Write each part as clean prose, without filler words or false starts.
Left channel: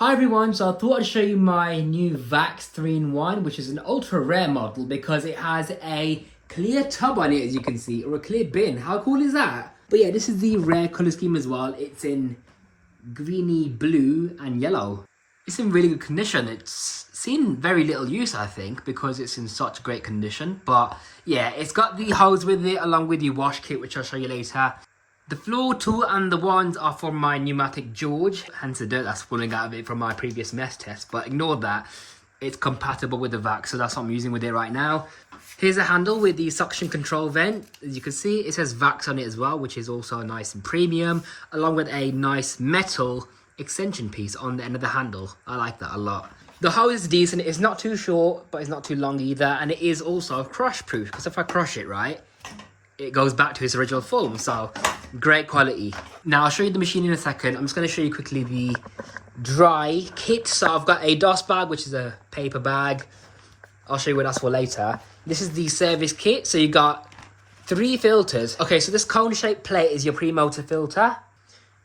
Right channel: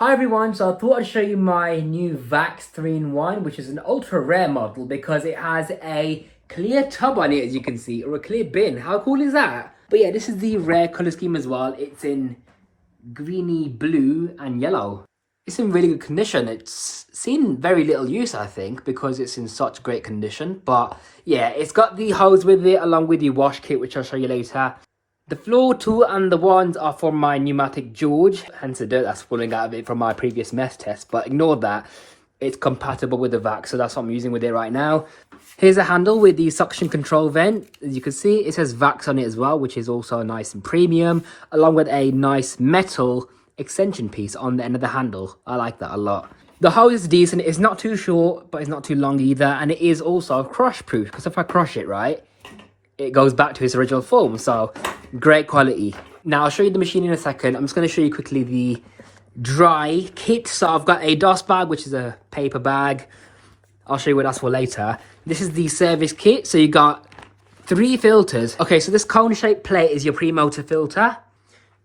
Hi everyone, so I thought I'd show you my new Vax 3-in-1, which is an ultra rare model because it has a clear tub on it, as you can see, or a clear bin. How cool is that? But yeah, this is the rare colour scheme as well. It's in greeny blue and yellow. It's in really good condition. It's seen very little use, I think, because it's in such great condition. But yeah, it's got the hose with it along with the wash kit, which I'll show you later. The floor tool and the wands are from my pneumatic George, hence the dirt that's falling out of it from my previous mess test, but ignore that. It's compatible with the Vax, so that's what I'm using with it right now. Here's a handle with the suction control vent. As you can see, it says Vax on it as well, which is also nice and premium, along with a nice metal extension piece on the end of the handle. I like that a lot. The hose is decent. It's not too short, but it's not too long either, and it is also crush proof, because if I crush it, right, it goes back to its original form, so great quality. Now I'll show you the machine in a second. I'm just going to show you quickly the dry kit. So I've got a DOS bag, which is a paper bag. I'll show you what that's for later. This is the service kit. So you got 3 filters. Okay, so this cone shaped plate is your pre-motor filter.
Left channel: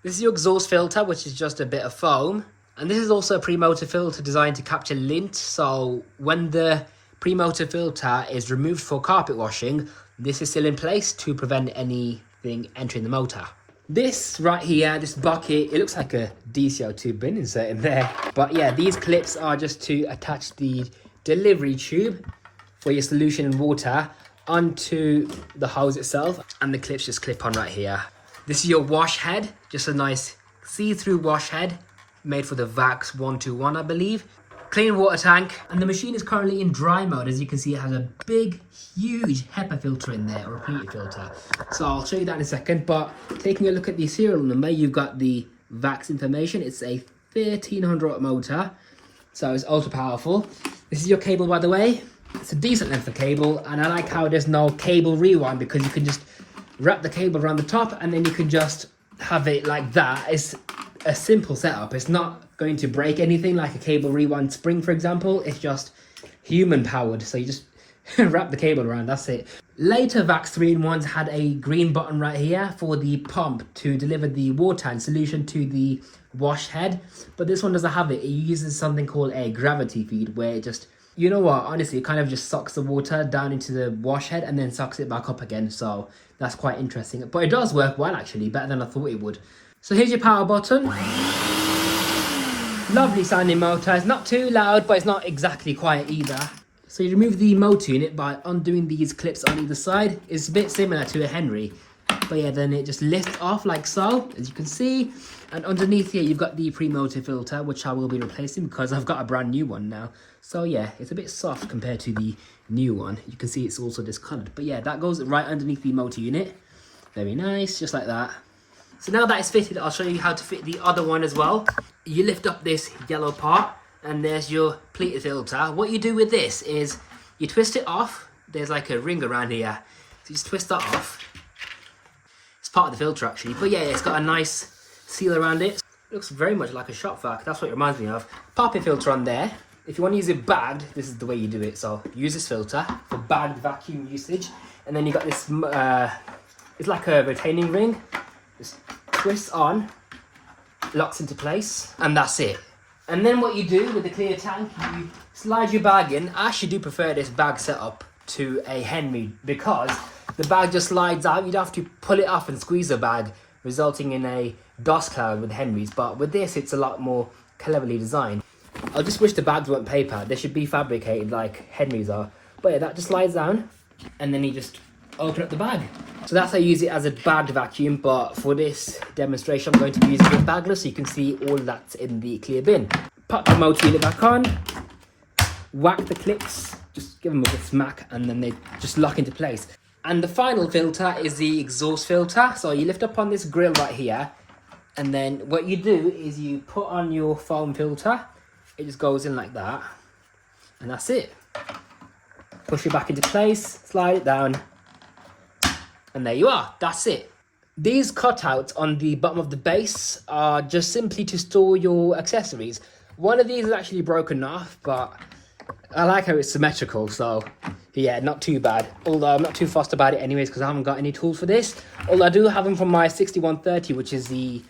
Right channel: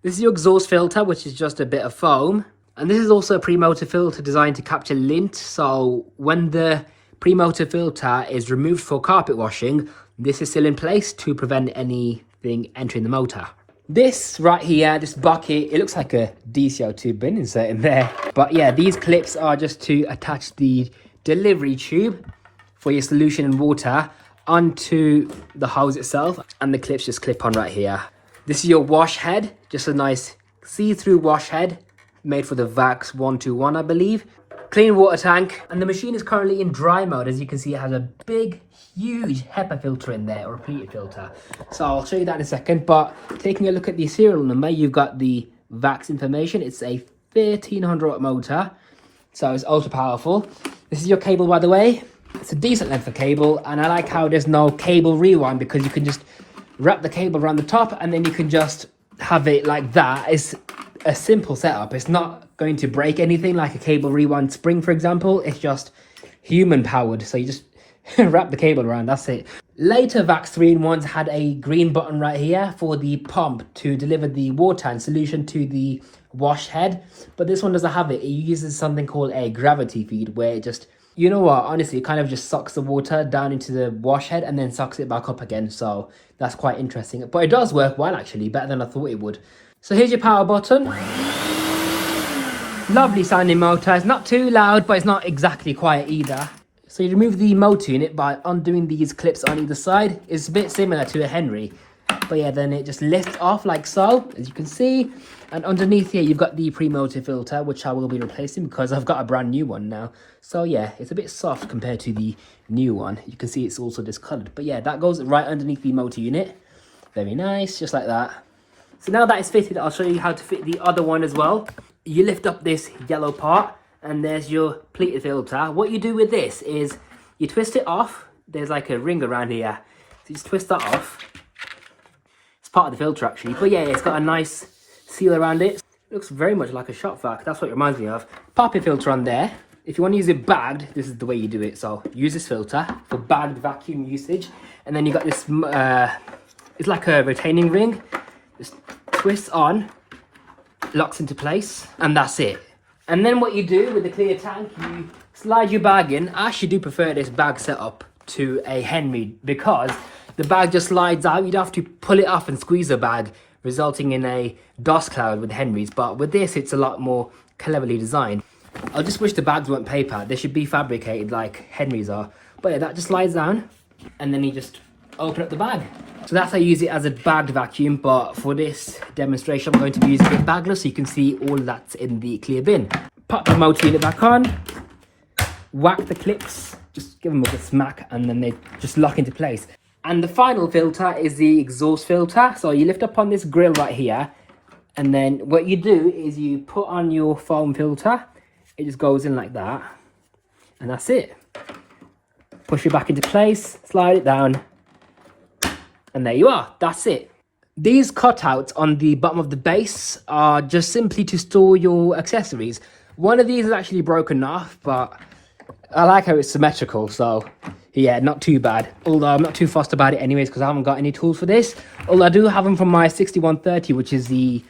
This is your exhaust filter, which is just a bit of foam. And this is also a pre-motor filter designed to capture lint. So when the pre-motor filter is removed for carpet washing, this is still in place to prevent anything entering the motor. This right here, this bucket, it looks like a DCO2 bin insert in there. But yeah, these clips are just to attach the delivery tube for your solution in water onto the hose itself. And the clips just clip on right here. This is your wash head, just a nice see-through wash head made for the Vax 121, I believe. Clean water tank, and the machine is currently in dry mode. As you can see, it has a big, huge HEPA filter in there, or a pleated filter. So I'll show you that in a second, but taking a look at the serial number, you've got the Vax information. It's a 1300 watt motor, so it's ultra powerful. This is your cable, by the way. It's a decent length of cable, and I like how there's no cable rewind, because you can just wrap the cable around the top, and then you can just have it like that. It's a simple setup. It's not going to break anything like a cable rewind spring, for example. It's just human powered, so you just wrap the cable around, that's it. Later Vax 3-in-1s had a green button right here for the pump to deliver the water and solution to the wash head, but this one doesn't have it. It uses something called a gravity feed, where it just, you know what, honestly, it kind of just sucks the water down into the wash head and then sucks it back up again. So that's quite interesting, but it does work well, actually, better than I thought it would. So here's your power button. Lovely sounding motor. It's not too loud, but it's not exactly quiet either. So you remove the motor unit by undoing these clips on either side. It's a bit similar to a Henry, but yeah, then it just lifts off like so, as you can see. And underneath here, you've got the pre-motor filter, which I will be replacing because I've got a brand new one now. So yeah, it's a bit soft compared to the new one. You can see it's also discolored, but yeah, that goes right underneath the motor unit. Very nice, just like that. So now that it's fitted, I'll show you how to fit the other one as well. You lift up this yellow part, and there's your pleated filter. What you do with this is you twist it off. There's like a ring around here, so you just twist that off. It's part of the filter, actually, but yeah, it's got a nice seal around it. It looks very much like a shop vac. That's what it reminds me of. Pop your filter on there. If you want to use it bagged, this is the way you do it. So use this filter for bagged vacuum usage, and then you got this. It's like a retaining ring. Just twist on, locks into place, and that's it. And then what you do with the clear tank, you slide your bag in. I actually do prefer this bag setup to a Henry, because the bag just slides out. You don't have to pull it off and squeeze the bag, resulting in a dust cloud with Henrys. But with this, it's a lot more cleverly designed. I just wish the bags weren't paper. They should be fabricated like Henrys are. But yeah, that just slides down, and then you just open up the bag. So that's how you use it as a bagged vacuum, but for this demonstration I'm going to be using it bagless, so you can see all that's in the clear bin. Pop the motor unit back on, whack the clips, just give them a good smack, and then they just lock into place. And the final filter is the exhaust filter. So you lift up on this grill right here, and then what you do is you put on your foam filter. It just goes in like that, and that's it. Push it back into place, slide it down, and there you are, that's it. These cutouts on the bottom of the base are just simply to store your accessories. One of these is actually broken off, but I like how it's symmetrical, so yeah, not too bad. Although I'm not too fussed about it anyways, because I haven't got any tools for this. Although I do have them from my 6130, which is the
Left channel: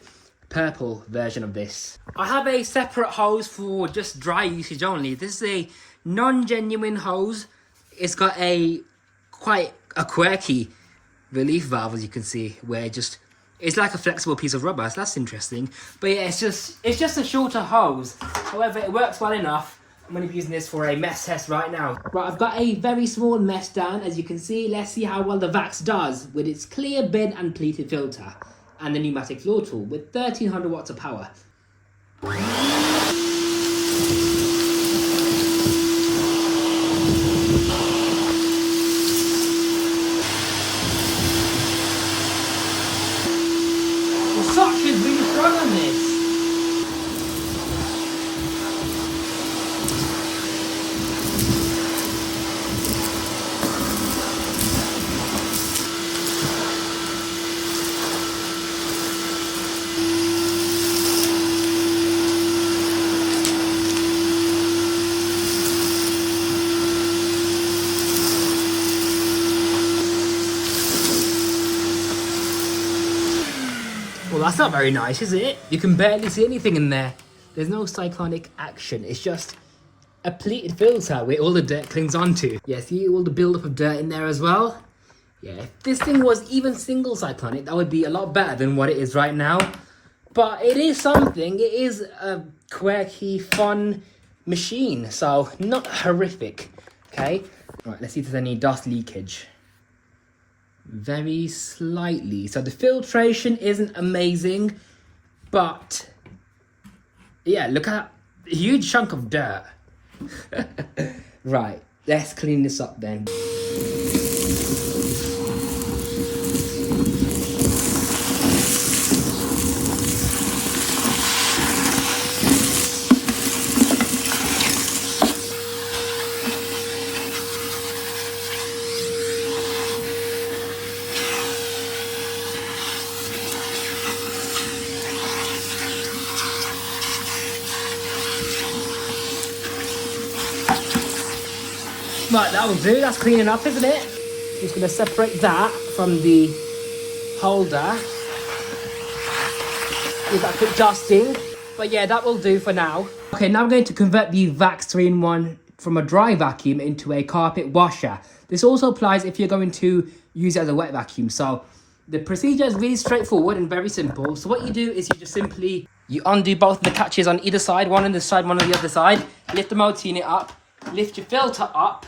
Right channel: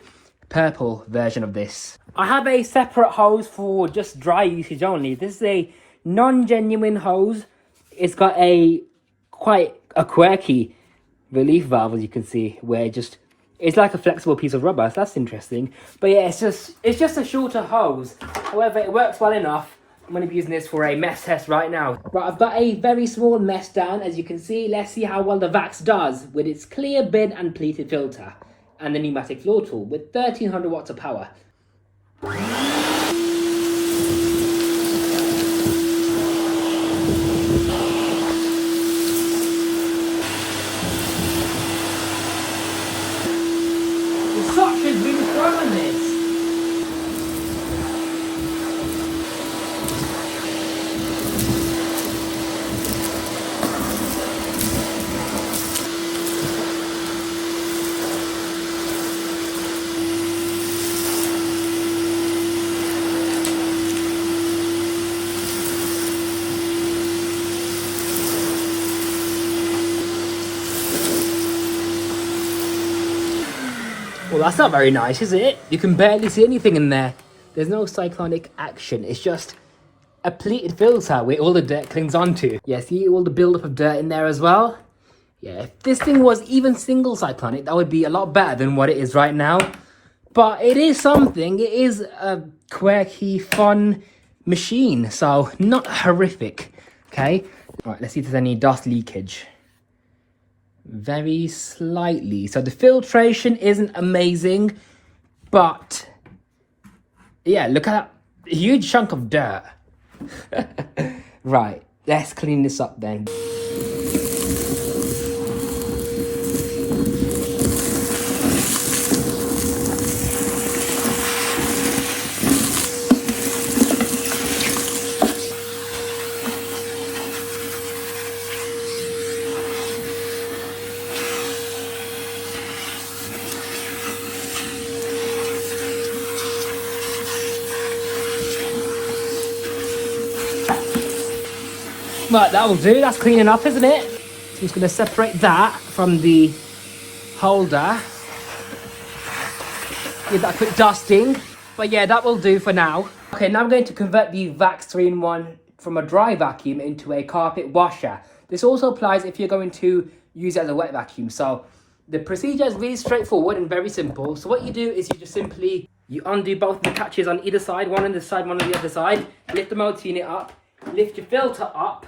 purple version of this. I have a separate hose for just dry usage only. This is a non-genuine hose. It's got a quite a quirky relief valve, as you can see, where it's like a flexible piece of rubber. So that's interesting. But yeah, it's just a shorter hose. However, it works well enough. I'm going to be using this for a mess test right now. Right, I've got a very small mess down, as you can see. Let's see how well the Vax does with its clear bin and pleated filter and the pneumatic floor tool with 1300 watts of power. The suction is really strong on this. Well, that's not very nice, is it? You can barely see anything in there. There's no cyclonic action. It's just a pleated filter where all the dirt clings onto. Yeah, see all the buildup of dirt in there as well? Yeah, if this thing was even single cyclonic, that would be a lot better than what it is right now. But it is something. It is a quirky, fun machine. So, not horrific. Okay? Right, let's see if there's any dust leakage. Very slightly. So the filtration isn't amazing, but yeah, look at that huge chunk of dirt. Right, let's clean this up then. Right, that will do. That's cleaning up, isn't it? Just going to separate that from the holder. Give that a quick dusting. But yeah, that will do for now. Okay, now I'm going to convert the Vax 3-in-1 from a dry vacuum into a carpet washer. This also applies if you're going to use it as a wet vacuum. So the procedure is really straightforward and very simple. So what you do is you just simply, you undo both of the catches on either side, one on this side, one on the other side. Lift the motor unit up, lift your filter up.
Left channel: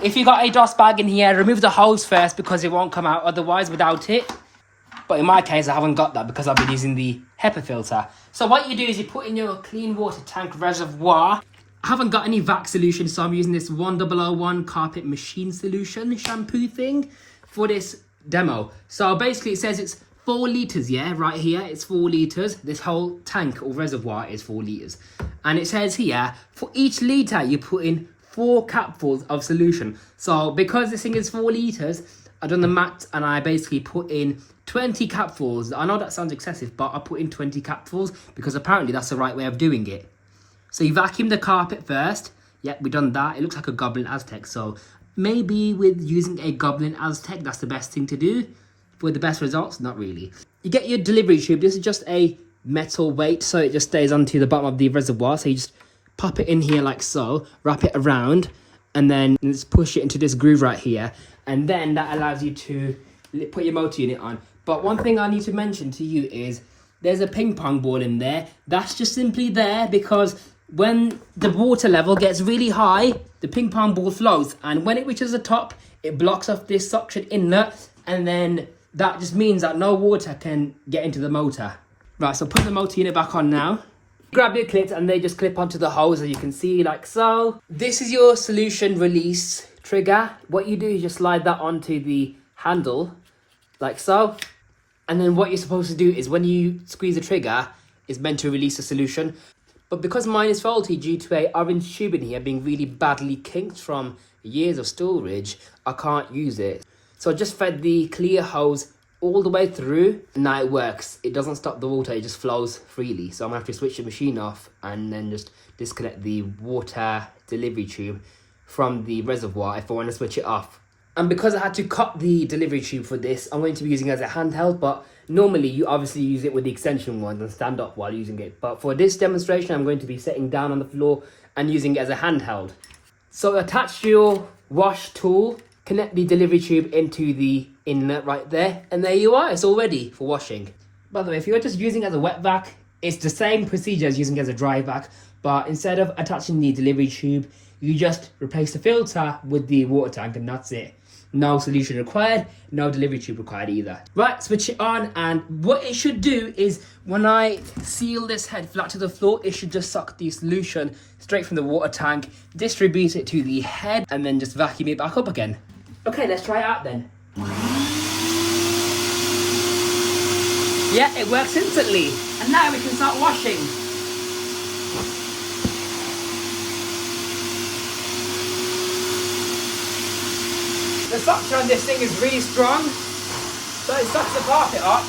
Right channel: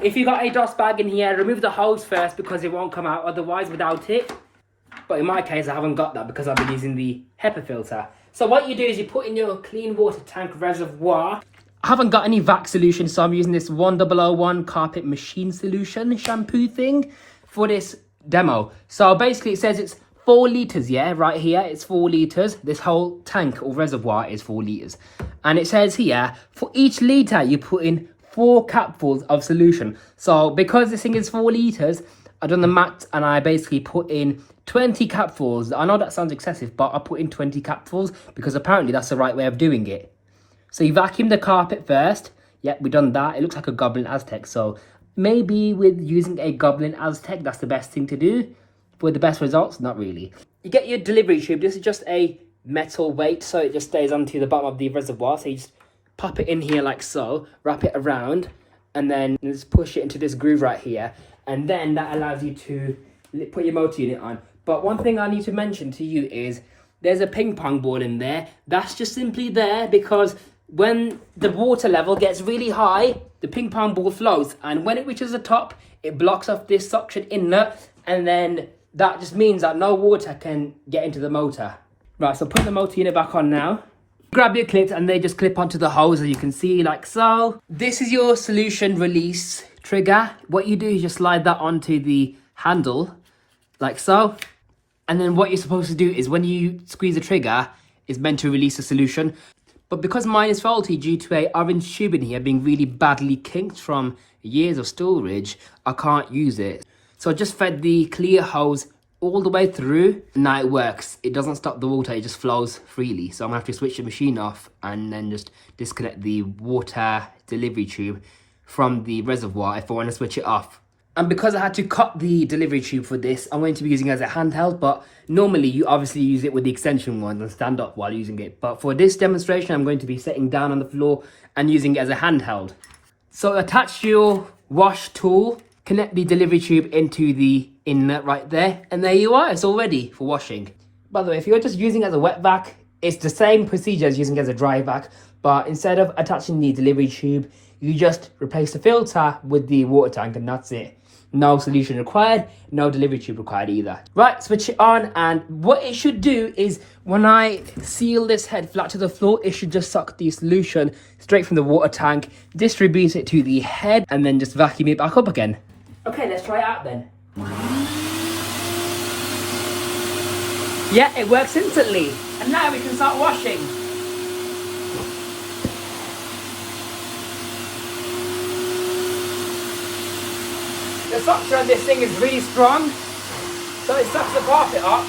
If you got a dust bag in here, remove the hose first because it won't come out otherwise without it. But in my case, I haven't got that because I've been using the HEPA filter. So what you do is you put in your clean water tank reservoir. I haven't got any Vax solution, so I'm using this 1001 carpet machine solution shampoo thing for this demo. So basically it says it's 4 litres, yeah, right here, it's 4 litres. This whole tank or reservoir is 4 litres. And it says here, for each litre you put in 4 capfuls of solution. So because this thing is 4 litres, I've done the maths and I basically put in 20 capfuls. I know that sounds excessive, but I put in 20 capfuls because apparently that's the right way of doing it. So you vacuum the carpet first. Yep, we've done that. It looks like a Goblin Aztec. So maybe with using a Goblin Aztec, that's the best thing to do. For the best results, not really. You get your delivery tube. This is just a metal weight, so it just stays onto the bottom of the reservoir. So you just pop it in here like so, wrap it around, and then just push it into this groove right here. And then that allows you to put your motor unit on. But one thing I need to mention to you is there's a ping pong ball in there. That's just simply there because when the water level gets really high, the ping pong ball flows. And when it reaches the top, it blocks off this suction inlet. And then that just means that no water can get into the motor. Right, so put the motor unit back on now. Grab your clips and they just clip onto the hose, as you can see, like so. This is your solution release trigger. What you do is just slide that onto the handle, like so. And then what you're supposed to do is when you squeeze the trigger, it's meant to release the solution. But because mine is faulty due to a orange tube in here being really badly kinked from years of storage, I can't use it. So I just fed the clear hose all the way through, and now it works. It doesn't stop the water, it just flows freely. So I'm gonna have to switch the machine off and then just disconnect the water delivery tube from the reservoir if I want to switch it off. And because I had to cut the delivery tube for this, I'm going to be using it as a handheld, but normally you obviously use it with the extension one and stand up while using it. But for this demonstration, I'm going to be sitting down on the floor and using it as a handheld. So attach your wash tool, connect the delivery tube into the inlet right there, and there you are, it's all ready for washing. By the way, if you're just using it as a wet vac, it's the same procedure as using it as a dry vac, but instead of attaching the delivery tube, you just replace the filter with the water tank and that's it. No solution required, no delivery tube required either. Right, switch it on, and what it should do is when I seal this head flat to the floor, it should just suck the solution straight from the water tank, distribute it to the head, and then just vacuum it back up again. Okay, let's try it out then. Yeah, it works instantly. And now we can start washing. The suction on this thing is really strong, so it sucks the carpet up.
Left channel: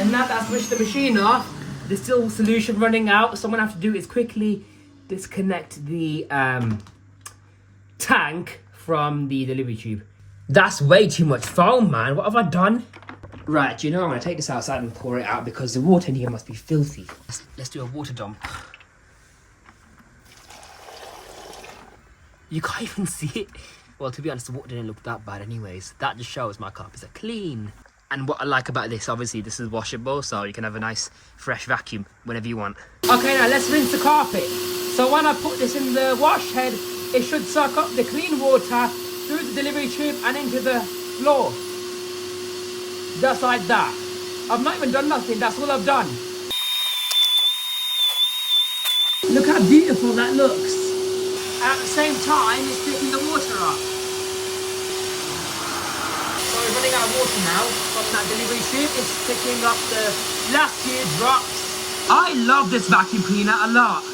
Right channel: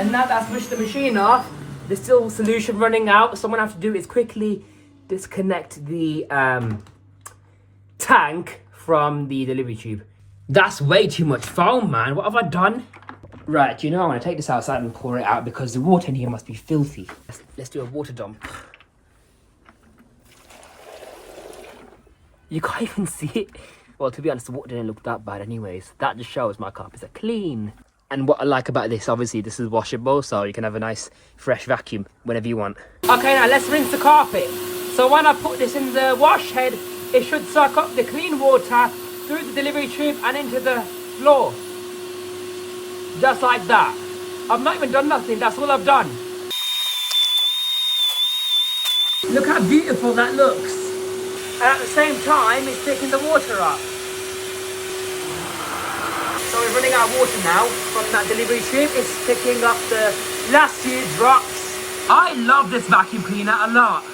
And now that I've switched the machine off, there's still solution running out, so what I have to do is quickly disconnect the tank from the delivery tube. That's way too much foam, man. What have I done? Right, you know, I'm going to take this outside and pour it out because the water in here must be filthy. Let's do a water dump. You can't even see it. Well, to be honest, the water didn't look that bad anyways. That just shows my carpets are clean. And what I like about this, obviously, this is washable, so you can have a nice fresh vacuum whenever you want. Okay, now let's rinse the carpet. So when I put this in the wash head, it should suck up the clean water through the delivery tube and into the floor. Just like that. I've not even done nothing, that's all I've done. Look how beautiful that looks. And at the same time, it's picking the water up. So we're running out of water now from that delivery tube. It's picking up the last few drops. I love this vacuum cleaner a lot.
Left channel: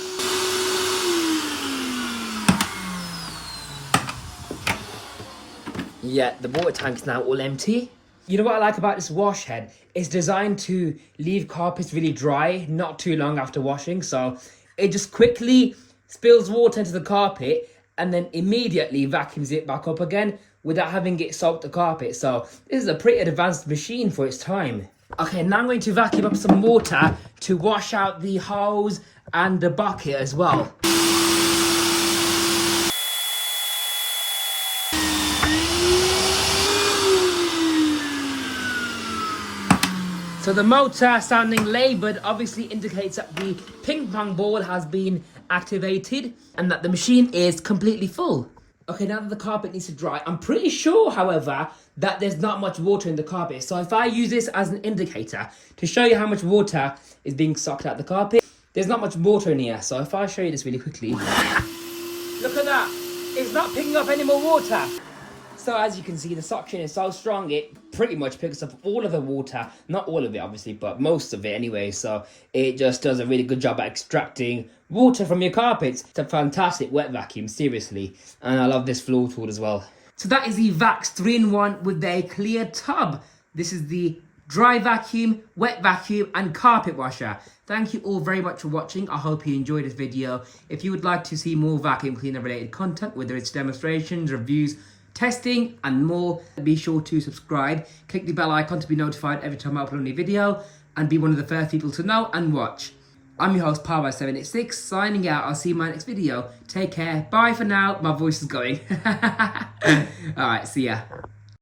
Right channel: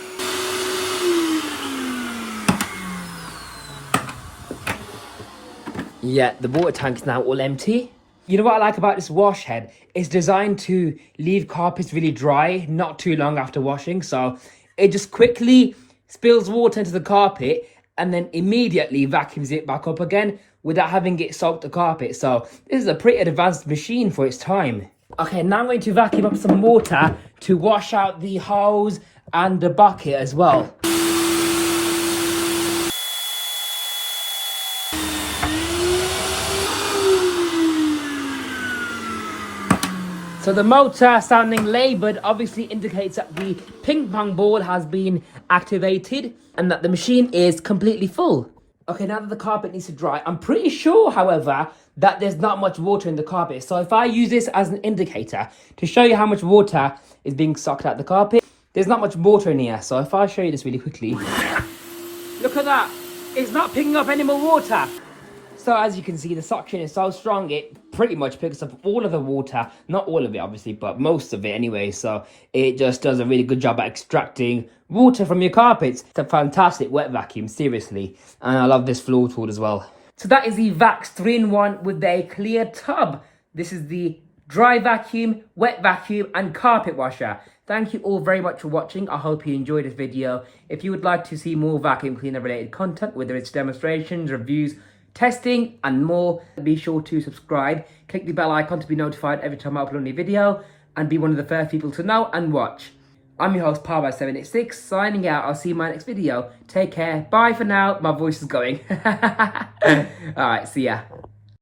Yeah, the water tank's now all empty. You know what I like about this wash head? It's designed to leave carpets really dry, not too long after washing. So it just quickly spills water into the carpet and then immediately vacuums it back up again without having it soak the carpet. So this is a pretty advanced machine for its time. Okay, now I'm going to vacuum up some water to wash out the hose and the bucket as well. So the motor sounding laboured obviously indicates that the ping pong ball has been activated and that the machine is completely full. Okay, now that the carpet needs to dry, I'm pretty sure, however, that there's not much water in the carpet. So if I use this as an indicator to show you how much water is being sucked out the carpet, there's not much water in here. So if I show you this really quickly, look at that. It's not picking up any more water. So as you can see, the suction is so strong, it pretty much picks up all of the water. Not all of it, obviously, but most of it anyway. So it just does a really good job at extracting water from your carpets. It's a fantastic wet vacuum, seriously. And I love this floor tool as well. So that is the Vax 3-in-1 with a clear tub. This is the dry vacuum, wet vacuum, and carpet washer. Thank you all very much for watching. I hope you enjoyed this video. If you would like to see more vacuum cleaner related content, whether it's demonstrations, reviews, testing and more, be sure to subscribe, click the bell icon to be notified every time I upload a new video and be one of the first people to know and watch. I'm your host Power786 signing out. I'll see you in my next video. Take care, bye for now. My voice is going. Alright, see ya.